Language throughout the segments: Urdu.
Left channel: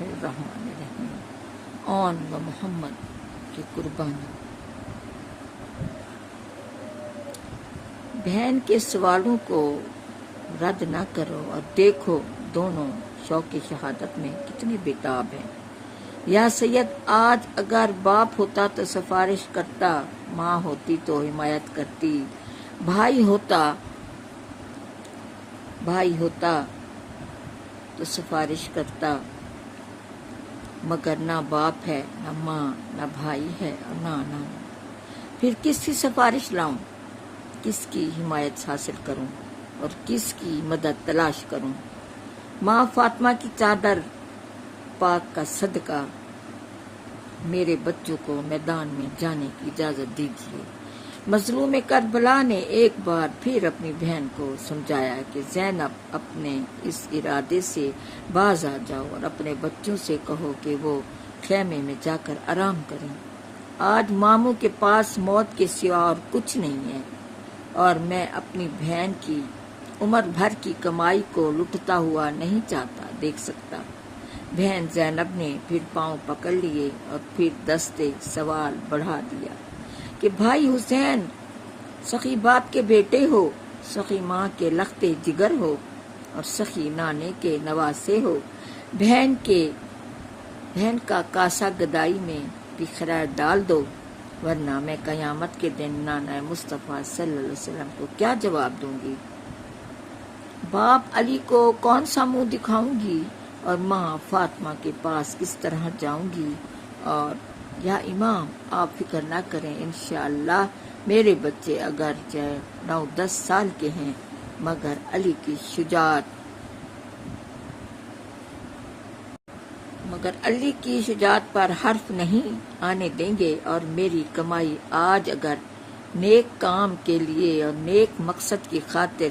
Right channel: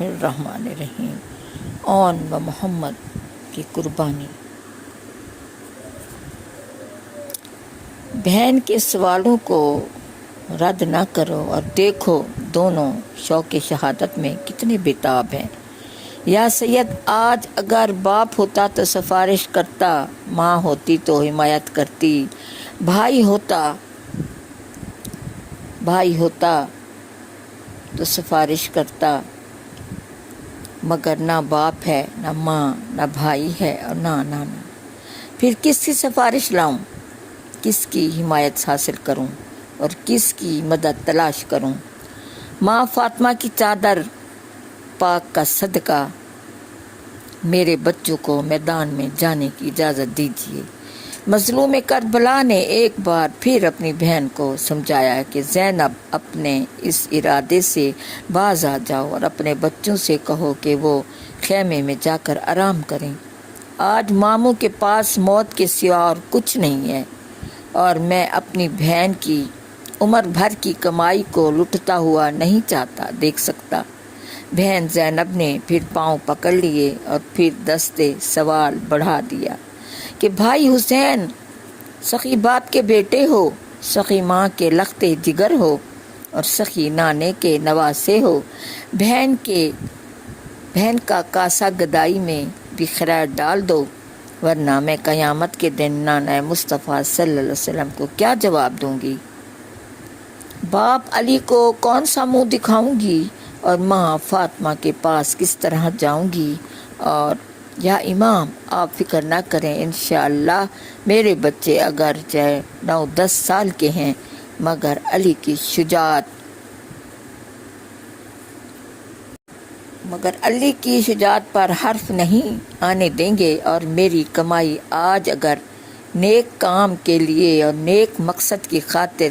الرحمن الرحیم۔ آن و محمد کی قربانی۔ بہن کے سوالوں کو رد نہ کرو اور دیکھو دونوں شوق شہادت میں کتنے بےتاب ہیں۔ یا سید آج اگر باپ ہوتا تو سفارش کرتا، ماں ہوتی تو حمایت کرتی، بھائی ہوتا تو سفارش کرتا، مگر نہ باپ ہے، نہ ماں، نہ بھائی ہے اور نہ نانا۔ پھر کس کی سفارش لاؤں، کس کی حمایت حاصل کروں اور کس کی مدد تلاش کروں؟ ماں فاطمہ کی چادر پاک کا صدقہ میرے بچوں کو میدان میں جانے کی اجازت دیجیے۔ مظلوم کربلا نے ایک بار پھر اپنی بہن کو سمجھایا کہ زینب اپنے اس ارادے سے باز آ جاؤ اور اپنے بچوں سے کہو کہ وہ خیمے میں جا کر آرام کریں۔ آج ماموں کے پاس موت کے سوا اور کچھ نہیں ہے اور میں اپنی بہن کی عمر بھر کی کمائی کو لٹتا ہوا نہیں چاہتا دیکھ سکتا۔ بہن زینب نے پھر پاؤں پکڑ لیے اور پھر دستے سوال بڑھا دیا کہ بھائی حسین سخی باپ کے بیٹے ہو، سخی ماں کے لخت جگر ہو اور سخی نانے کے نواسے ہو۔ بہن کا کاسا گدائی میں بھی خیر ڈال دو، ورنہ میں قیامت کے دن نانا مصطفیٰ صلی اللہ علیہ وسلم کو کیا جواب دوں گی؟ باپ علی کو کون سا منہ دکھاؤں گی اور ماں فاطمہ کے پاس کس طرح جاؤں گی؟ اور یا امام آپ فکر نہ کریں، انشاءاللہ میرے بچے اگرچہ 9-10 سال کے ہیں مگر علی کی شجاعت پر حرف نہیں آنے دیں گے، اور میری کمائی آج اگر نیک کام کے لیے اور نیک مقصد کی خاطر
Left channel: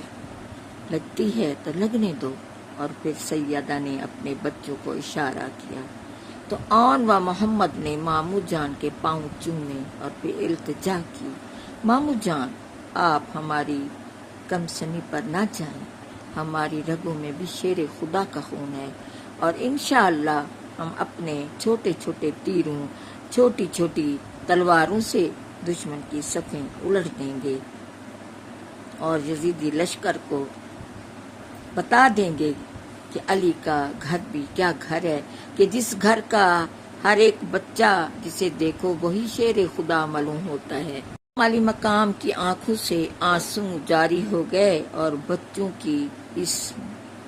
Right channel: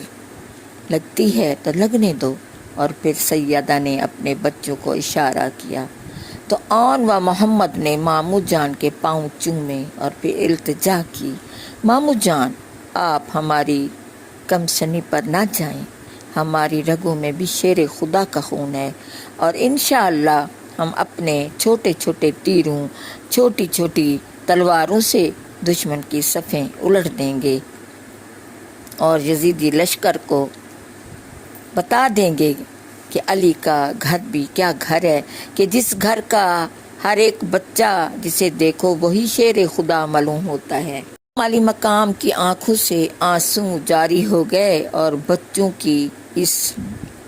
لگتی ہے تو لگنے دو۔ اور پھر سیدہ نے اپنے بچوں کو اشارہ کیا تو آن و محمد نے مامو جان کے پاؤں چومے اور پھر التجا کی، مامو جان آپ ہماری کم سنی پر نہ جائیں، ہماری رگوں میں بھی شیر خدا کا خون ہے اور انشاءاللہ ہم اپنے چھوٹے چھوٹے تیروں، چھوٹی چھوٹی تلواروں سے دشمن کی صفیں الٹ دیں گے اور یزیدی لشکر کو بتا دیں گے کہ علی کا گھر بھی کیا گھر ہے، کہ جس گھر کا ہر ایک بچہ جسے دیکھو وہی شیر خدا معلوم ہوتا ہے۔ علی مقام کی آنکھوں سے آنسو جاری ہو گئے اور بچوں کی اس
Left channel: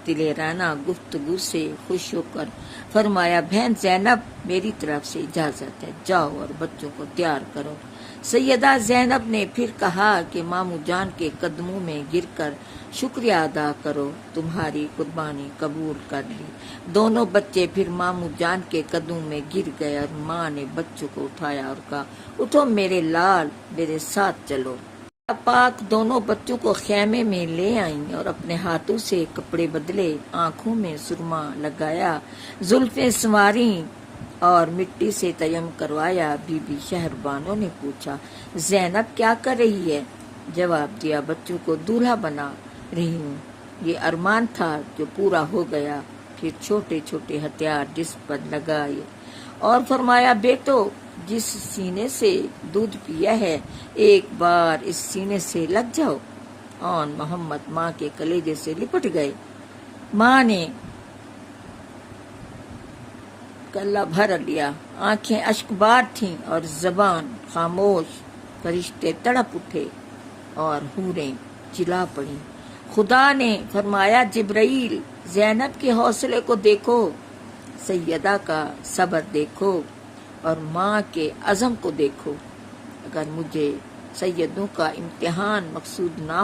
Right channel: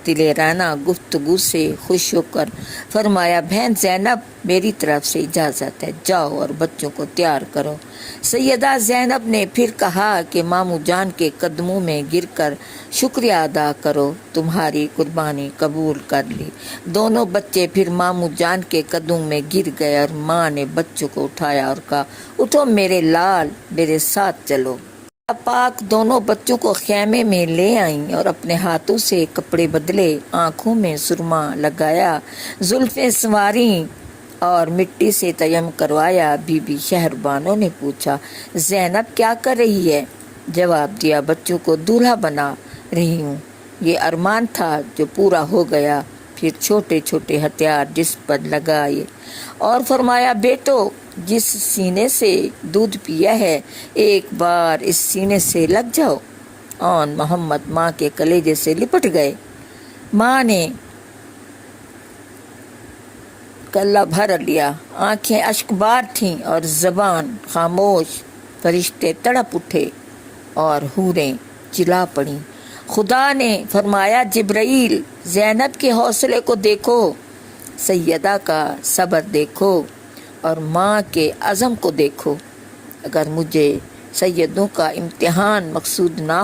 دلیرانہ گفتگو سے خوش ہو کر فرمایا، بہن زینب میری طرف سے اجازت ہے، جاؤ اور بچوں کو تیار کرو۔ سیدہ زینب نے پھر کہا کہ مامو جان کے قدموں میں گر کر شکریہ ادا کرو، تمہاری قربانی قبول کر لی۔ دونوں بچے پھر مامو جان کے قدموں میں گر گئے اور ماں نے بچوں کو اٹھایا اور کہا، اٹھو میرے لال، میرے ساتھ چلو۔ پاک دونوں بچوں کو خیمے میں لے آئیں اور اپنے ہاتھوں سے کپڑے بدلے، آنکھوں میں سرما لگایا، زلفیں سنواریں اور مٹی سے تیمم کروایا۔ بی بی شہربانو نے پوچھا، زینب کیا کر رہی ہے؟ جواب دیا، بچوں کو دولہا بنا رہی ہوں، یہ ارمان تھا جو پورا ہو گیا۔ پھر چھوٹے چھوٹے ہتھیار جس پر لگائے اور فرمایا، بیٹو جس سینے سے دودھ پیا ہے ایک بار اس سینے سے لگ جاؤ۔ آن محمد ماں کے کلیجے سے لپٹ گئے۔ ماں نے گلہ بھر لیا، آنکھیں اشکبار تھیں اور زبان خاموش۔ فرشتے تڑپ اٹھے اور حوریں چلا پڑیں۔ خدا نے فرمایا، جبرائیل زینب کے حوصلے کو دیکھو، سیدہ کا صبر دیکھو اور ماں کے عزم کو دیکھو۔ اگر مجھے سیدوں کا امتحان مقصود نہ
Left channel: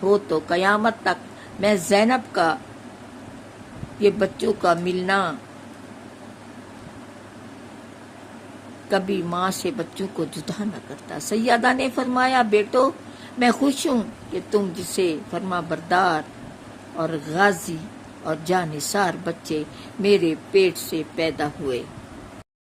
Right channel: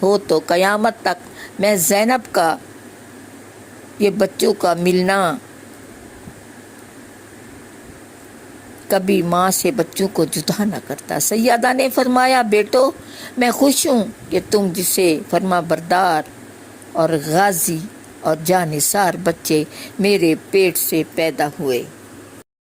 ہو تو قیامت تک میں زینب کا یہ بچوں کا ملنا کبھی ماں سے بچوں کو جدا نہ کرتا۔ سیدہ نے فرمایا، بیٹو میں خوش ہوں کہ تم جسے فرما بردار اور غازی اور جانثار بچے میرے پیٹ سے پیدا ہوئے